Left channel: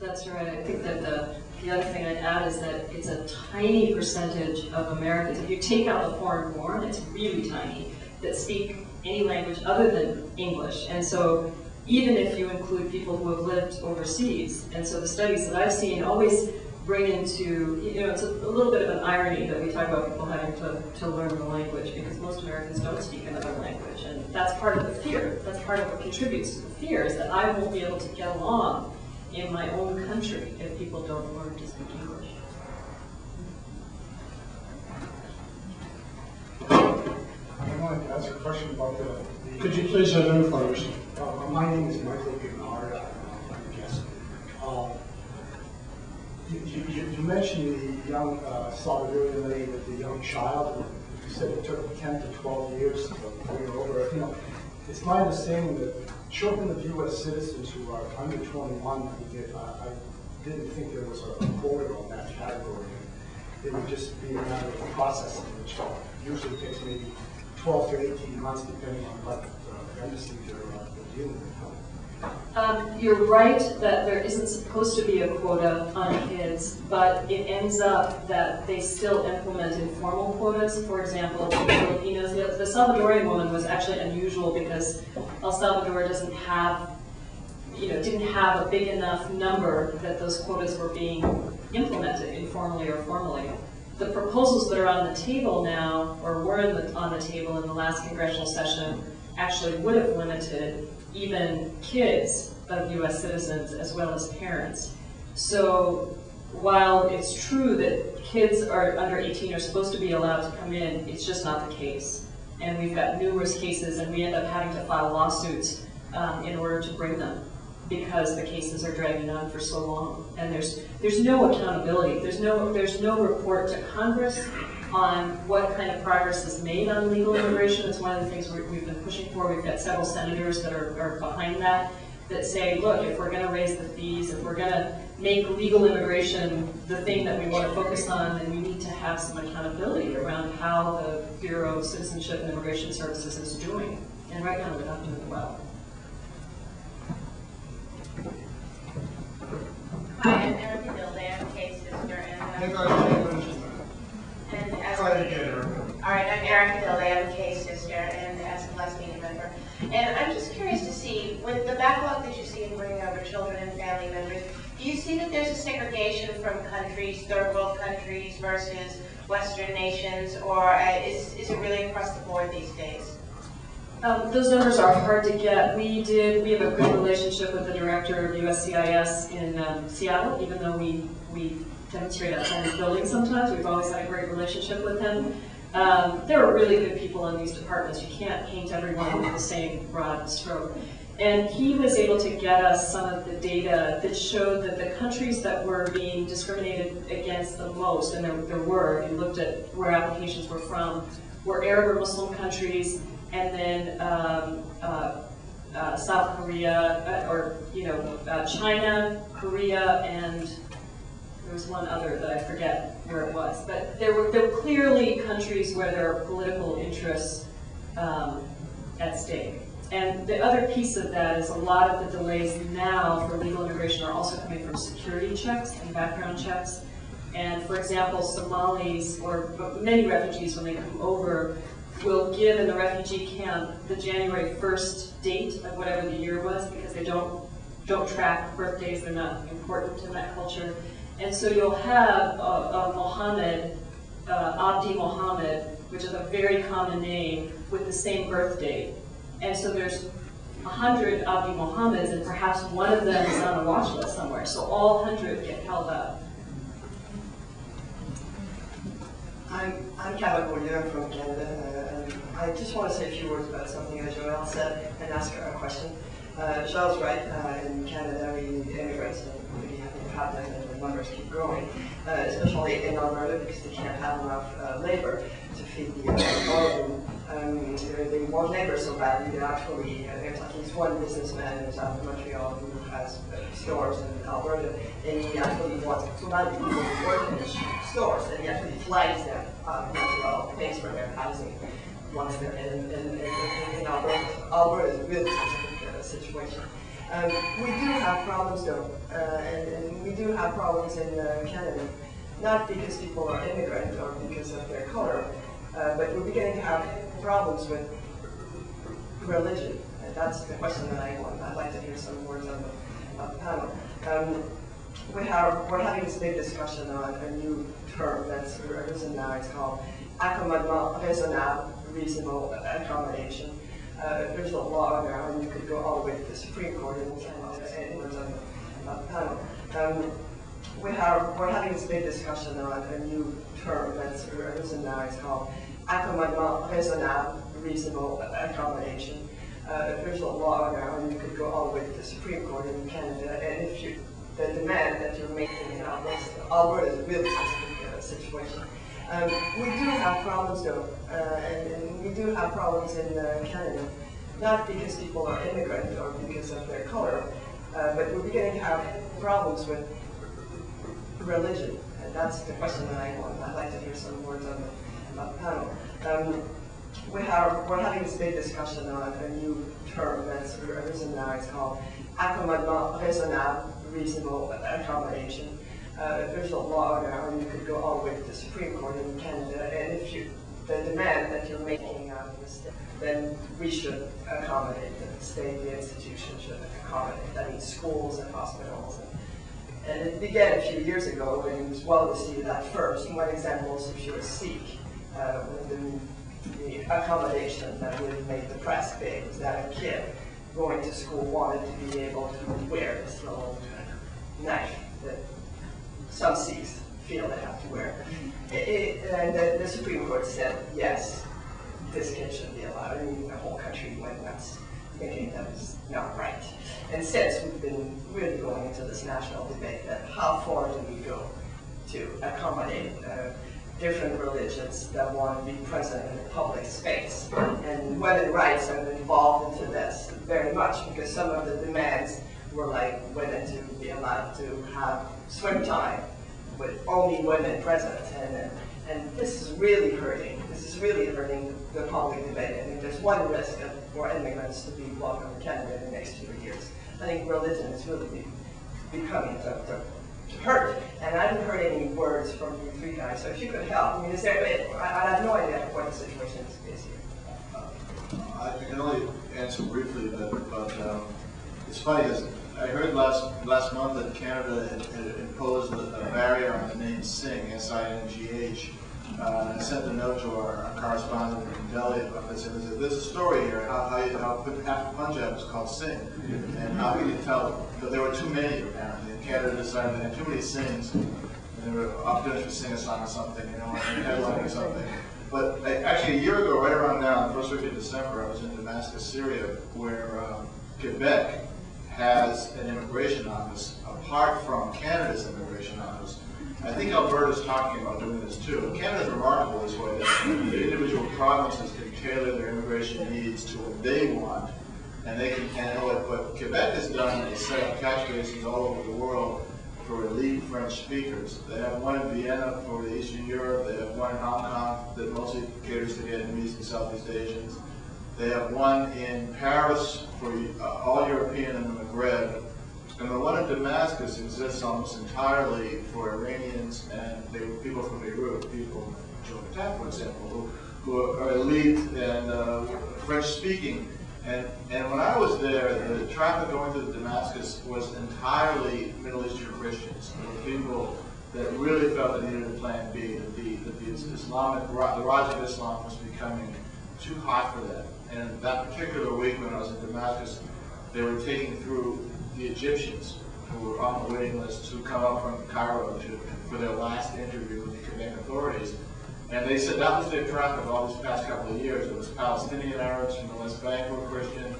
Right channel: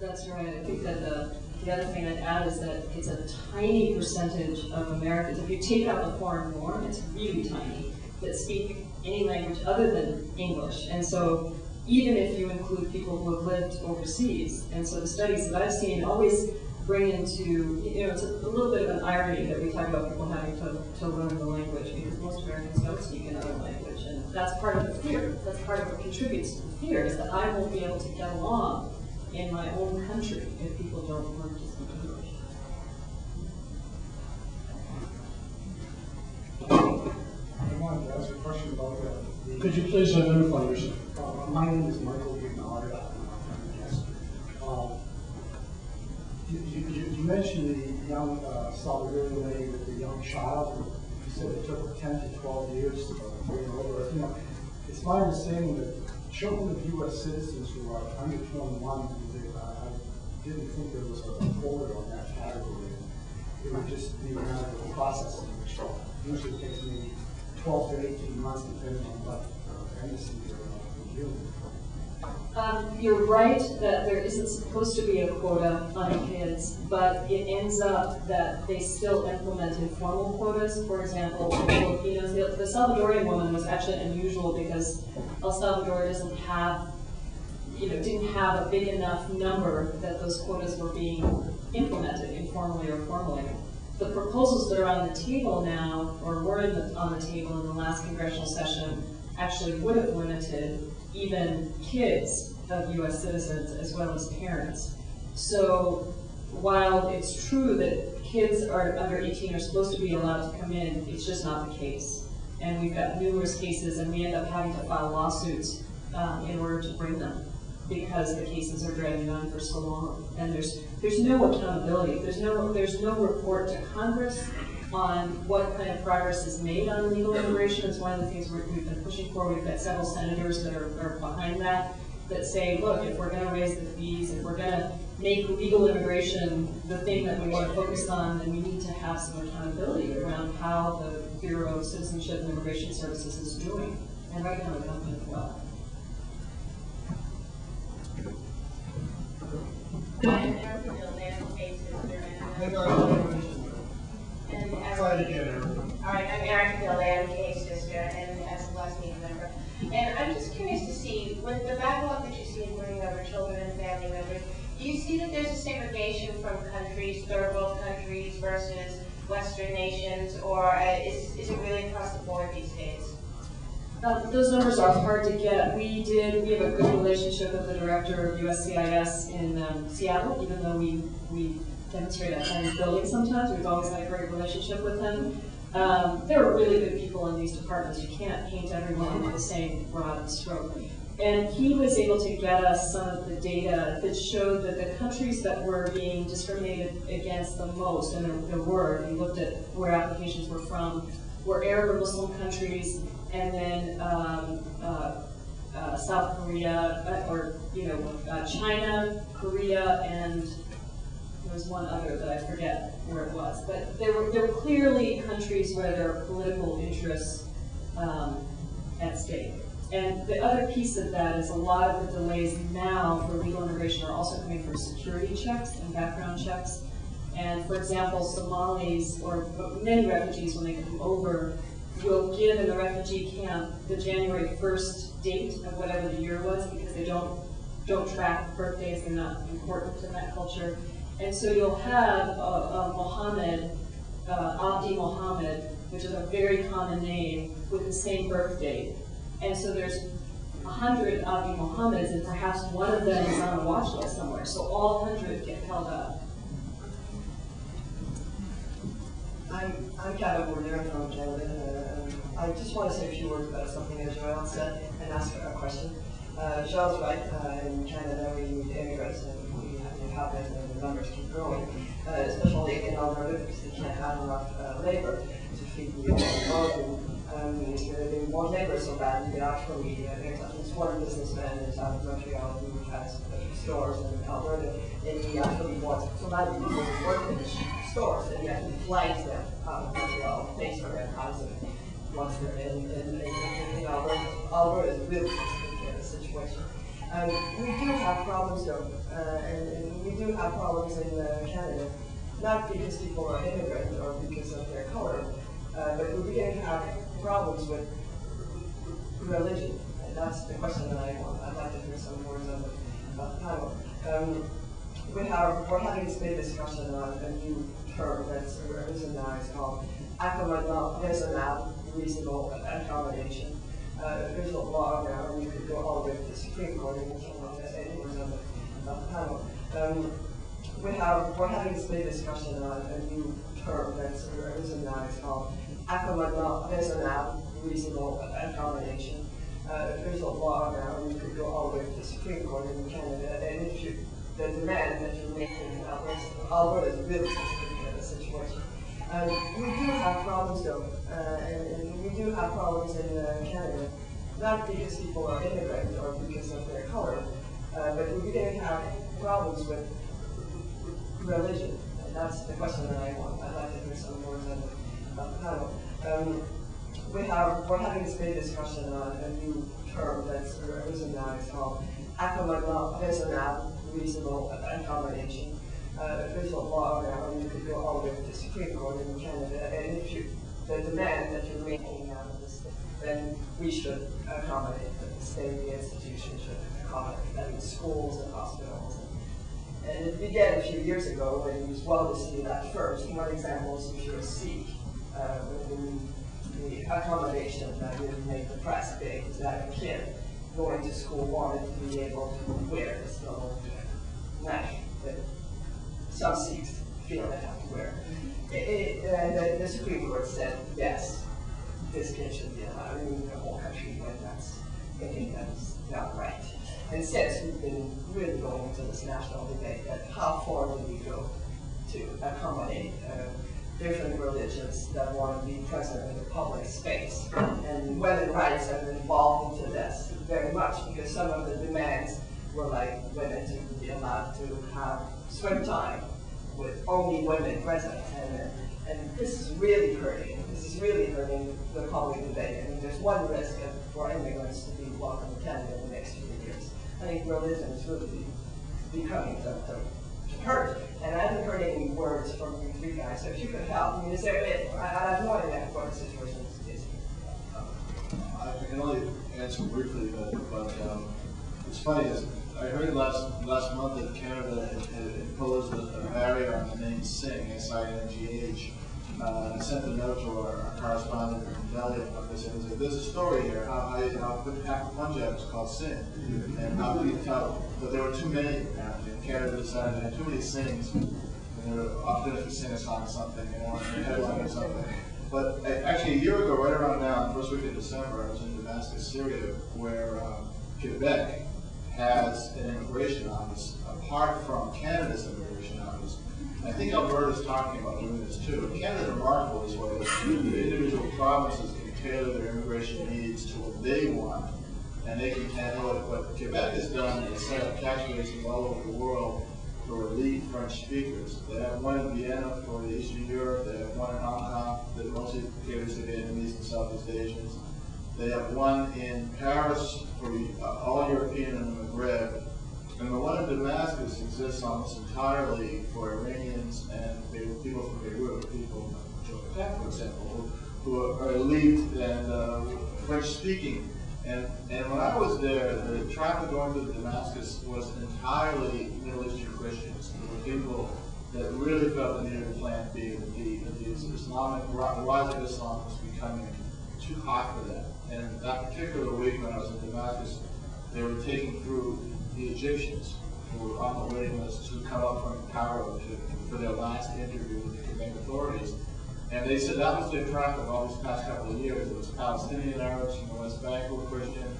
That's right. I think that the other thing I'd add is that it's a tiny percentage of Americans. If you take out the foreign-born, it's really tiny, that speak any language other than English. And so even if you include people who have lived overseas, and so the studies that I've seen always bring into, it's a little bit of an irony that we talk about people having to learn the language, because most Americans don't speak another language, and that's part of the fear. That's part of what contributes to the fear, is that I won't be able to get along in my own country if people don't learn to speak English. I wanted to ask a question about the Could you please identify yourself? my name is Michael Gignard. I'm a guest. You mentioned the young Salvadorian lady with the young child. You said it took 10 to 12 years to bring her over. It's my understanding that children of U.S. citizens who are under 21, I didn't think there was a quota on that category. It would just be a matter of processing, which usually takes maybe 12 to 18 months, depending on what embassy they're dealing with. You're right that there isn't supposed to be a quota on kids, but it ends up that they still implement informal quotas. For example, Filipinos, the Salvadorian woman was actually unusual because El Salvador doesn't have, didn't have a big enough number that those quotas were being implemented informally or formally. The proposals that are on the table now, or were on the table in the last congressional session, actually would have limited even kids of U.S. citizens as well as parents. So while it's true that kids are under 18 are supposed to be allowed to come in, it's just not the case. And we've got numerous cases, and we end up having to file lawsuits in order to bring them, because the cases are dragging on for so long. And there's no accountability. There's no report to Congress on what kind of progress is made on legal immigration. It's one of the things we've been pushing for. We've got several senators that are behind that say, look, if we're going to raise the fees, if we're going to make legal immigration the thing that we want to focus on, then we need to have some accountability around how the Bureau of Citizenship and Immigration Services is doing. And right now, they're not doing it well. Hi, I'm Erica Dildan, Kay's sister, and as Try to get her. all right, I'm Erica Dildan, Kay's sister, and as a Blessed Media member. And I'm just curious to see, with the backlog that you see in bringing over children and family members, do you see that there's a segregation from countries, third world countries versus Western nations, or is it really across the board these days? Those numbers are hard to get. We have a good relationship with the director of USCIS in Seattle, even though we demonstrate at home building sometimes. We've always had a great relationship with him. There are really good people in these departments. You can't paint everyone with the same broad stroke. And he was able to get us some of the data that showed that the countries that were being discriminated against the most, and there were, if you looked at where applications were from, were Arab or Muslim countries, and then South Korea, China, Korea, and there was one other that I forget where it was. But there were clearly countries where there are political interests at stake. And the other piece of that is a lot of the delays now for legal immigration are also coming from security checks and background checks. And for example, Somalis, or many refugees when they come over, will give in the refugee camp the January 1st date of whatever the year was, because they don't track birthdays, they're not important in that culture. And so you'll have a Mohammed, Abdi Mohammed, which is a very common name, with the same birth date. And so there's 100 Abdi Mohammeds, and perhaps one of them is on a watch list somewhere. So all 100 get held up. I'm Kevin Bourdieu from Canada. I just want to say a few words about something that Joël said and ask a question. Joël's right. In Canada, we need immigrants, and we have them, and the numbers keep growing, especially in Alberta, because they can't have enough labor to feed the volume. They want labor so badly that actually there's at least one businessman in South Montreal who has stores in Alberta, and he actually wants Somali people to work in his stores, and he actually flags them out of Montreal, pays for their housing once they're in Alberta. Alberta is a really specific situation. We do have problems though, and we do have problems in Canada, not because people are immigrant or because of their color, but we're beginning to have problems with religion. And that's the question that I want. I'd like to hear some words on the panel. We're having this big discussion on a new term that's arisen now. It's called accommodement raisonnable, reasonable accommodation. There's a law now, and you could go all the way to the Supreme Court and any words on the panel. We're having this big discussion on a new term that's arisen now. It's called accommodement raisonnable, reasonable accommodation. There's a law now, and you could go all the way to the Supreme Court in Canada, and if the demand that you're making in Alberta is a really specific situation. We do have problems though, and we do have problems in Canada, not because people are immigrant or because of their color, but we're beginning to have problems with religion, and that's the question that I want. I'd like to hear some words on the panel. We're having this big discussion on a new term that's arisen now. It's called accommodement raisonnable, reasonable accommodation. There's a law now, and you could go all the way to the Supreme Court in Canada, and if the demand that you're making out of the state, then we should accommodate the state, the institution should accommodate. That means schools and hospitals. And it began a few years ago when it was well received at first. One example is if you're a Sikh, the accommodation that really made the press big was that a kid going to school wanted to be able to wear this little knife that some Sikhs feel they have to wear. And the Supreme Court said, yes, this kid should be allowed. I mean, the whole country went nuts, thinking that was not right. And since we've been really going into this national debate that how far do we go to accommodate different religions that want to be present in the public space. And women's rights have been involved into this very much because some of the demands were like women to be allowed to have swim time with only women present. And this is really hurting. This is really hurting the public debate. I mean, there's one risk for immigrants to be welcome to Canada in the next few years. I think religion is really becoming to hurt. And I haven't heard any words from you three guys, so if you could help. I mean, is there, I have no idea what the situation is here. I can only answer briefly, but it's funny, because I heard last month that Canada had imposed a barrier on the name Singh, S-I-N-G-H. I sent a note to our correspondent in Delhi about this, and there's a story here, how half of Punjab is called Singh, and how can you tell that there were too many apparently, and Canada decided they had too many Singhs, and they were opportunities for sing a song or something, you know, or headlining something. But actually a year ago, right around now, the first week of December, I was in Damascus, Syria, where Quebec has an immigration office apart from Canada's immigration office. I think Alberta's talking about doing this too. Canada's remarkable this way, that the individual provinces can tailor their immigration needs to what they want, and they can handle it. What Quebec has done is set up catch basins all over the world for elite French speakers. They have one in Vienna for the Eastern Europe. They have one in Hong Kong that mostly caters to Vietnamese and Southeast Asians. They have one in Paris for all European and the Maghreb. And the one in Damascus exists almost entirely for Iranians and people from Beirut, people from Joe Patak, for example, who are elite and French-speaking. And when I was there, the traffic going to Damascus was entirely Middle Eastern Christians. There were people that really felt they needed a plan B, that the rise of Islam was becoming too hot for them. And that particular week when I was in Damascus, they were taking through the Egyptians who were on the waiting list who come up from Cairo for their last interview with the Quebec authorities. And they said that was their traffic all these past couple of years. It was Palestinian Arabs from the West Bank who were Christian,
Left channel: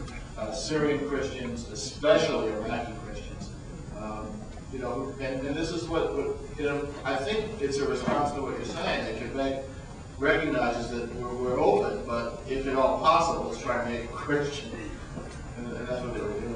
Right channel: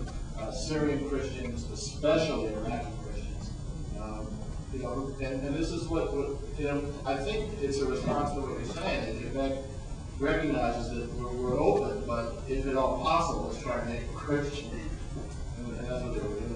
Syrian Christians, especially Iraqi Christians. You know, and this is what you know, I think it's a response to what you're saying, that Quebec recognizes that we're open, but if at all possible, let's try and make it Christian. And that's what they were doing.